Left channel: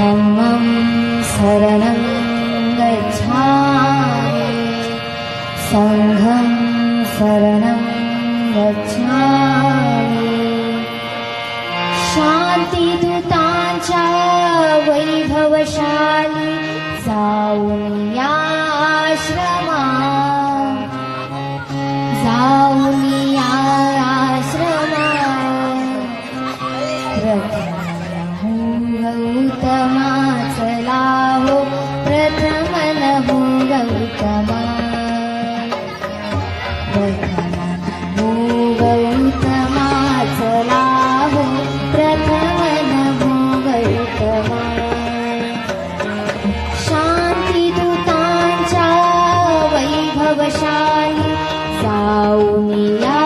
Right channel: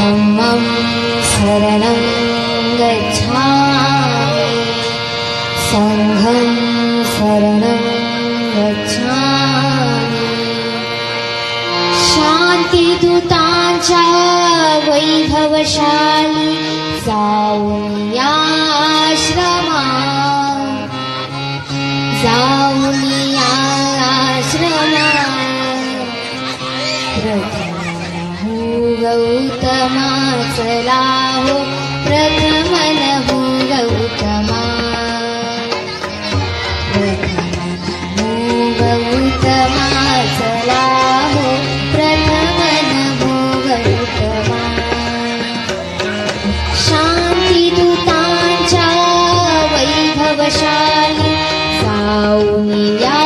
धम्मं शरणं गच्छामि संघं शरणं गच्छामि शांतिदूतांच्या वैभवशाली जाऊन या आश्रमात जाऊन या आश्रमात गौतमा चला हो प्रथमन हो गौतमा गौतमा चला हो प्रथमन हो गौतमा शांतिदूतांच्या वैभवशाली जाऊन या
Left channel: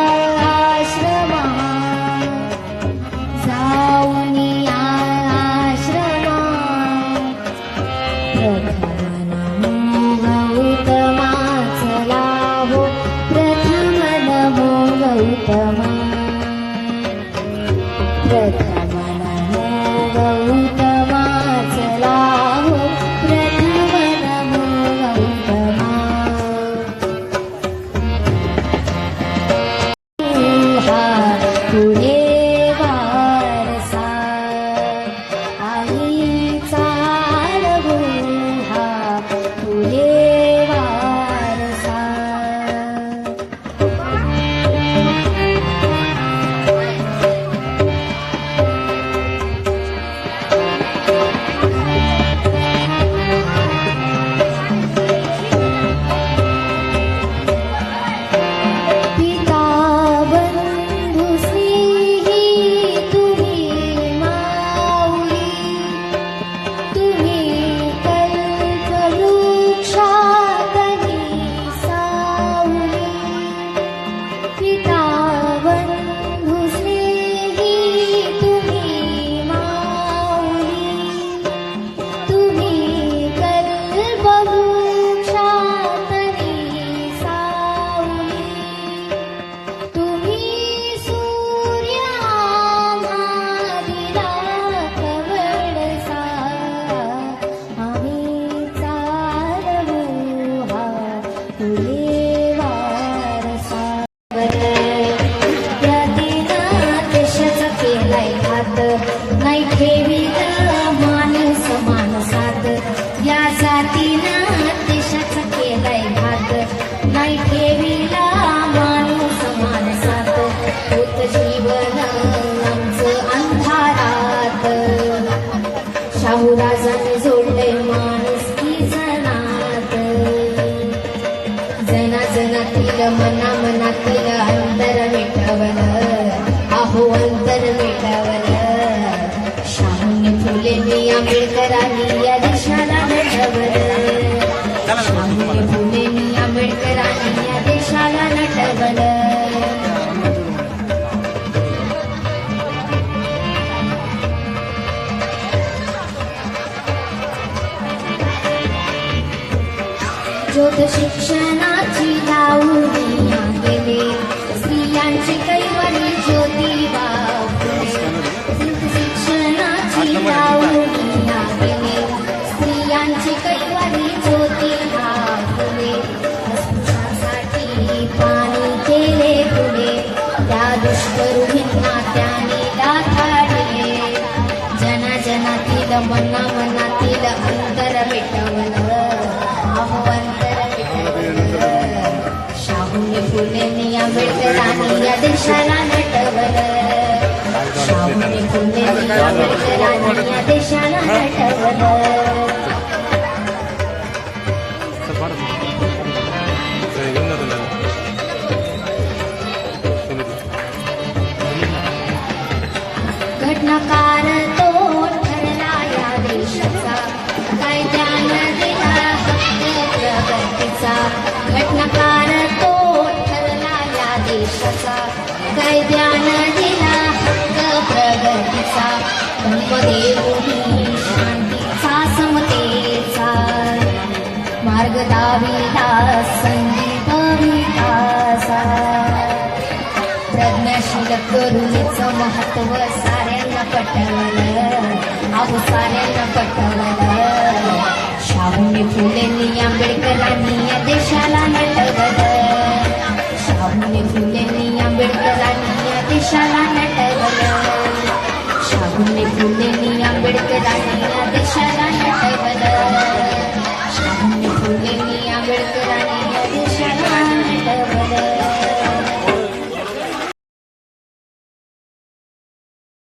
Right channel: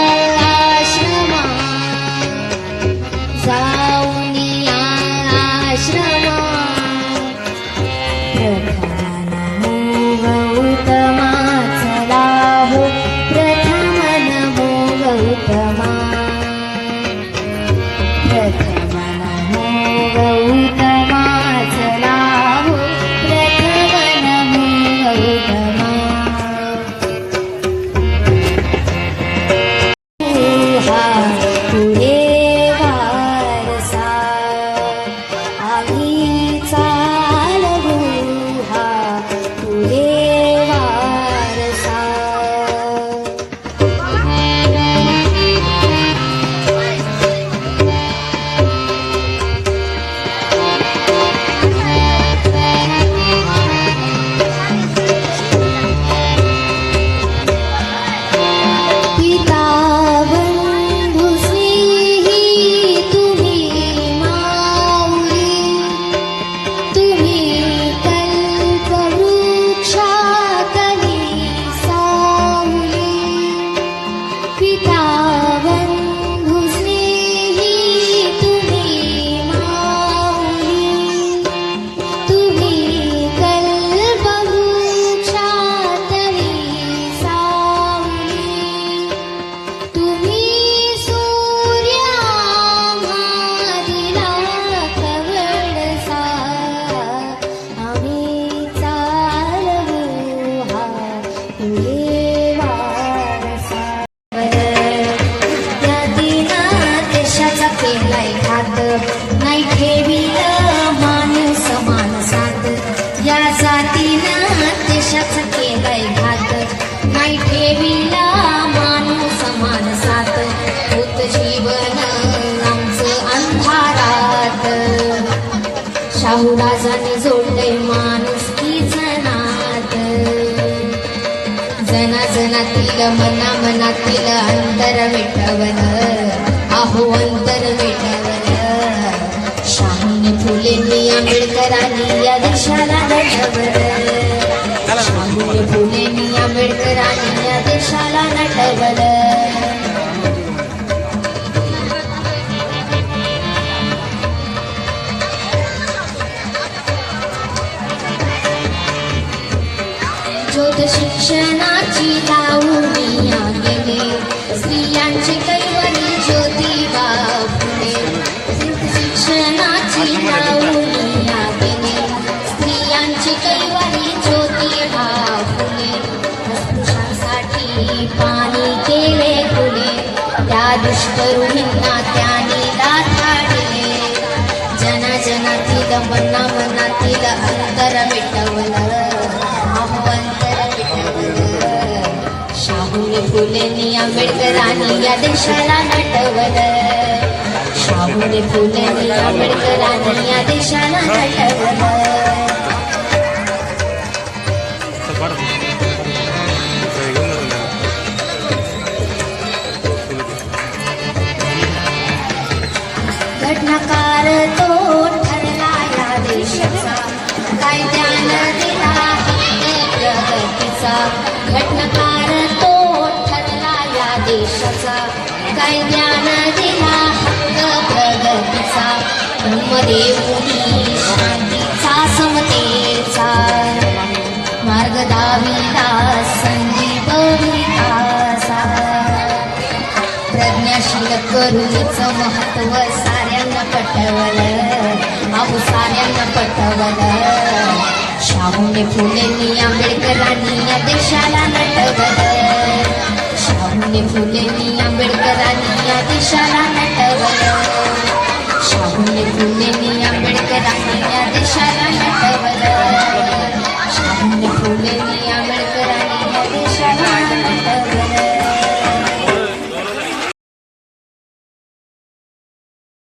नाही ठेविला माणूस माणसात या जातीनं देशाचा केलाय घात नाही ठेविला माणूस माणसात होत जीवन आमचं अंधारात शाहू राजाने जोडलंय माणुसकीचं नात जनाजनातील मनामनातील अंतर मिटवलं अहो अंतर मिटवलं शाहूने फुलेंनी आंबेडकरांनी या देशाला नटवलं शाहूने फुलेंनी आंबेडकरांनी या देशाला नटवलं ज्योत शिक्षणाची लावणीया गेले स्त्रियांची कैवारी ज्योतिबा फुले शिक्षणाची लावणीया गेले स्त्रियांची कैवारी ज्योतिबा फुले अस्पृश्यांसाठी पाणी केले खुले त्या दुष्करुणींना त्याने दाताडले जनजनातील मनामनातील अंतर मिटवलं शाहूने फुलेंनी आंबेडकरांनी या देशाला नटवलं शाहूने फुलेंनी आंबेडकरांनी या देशाला नटवलं घटनाकार तो ठरला या देशाचा कायद्यानं दिला प्रगतीचा घटनाकार तो ठरला या देशाचा कायद्यानं दिला हक्क प्रगतीचा धम्मदेवनी शांतीचा समतेचा मार्ग दाविला संगीत विकासा प्रज्ञाशील करुणीचं महत्व साऱ्यांना पटवलं शाहू साऱ्यांना पटवलं शाहूने फुलेंनी आंबेडकरांनी या देशाला नटवलं शाहूने फुलेंनी आंबेडकरांनी या देशाला नटवलं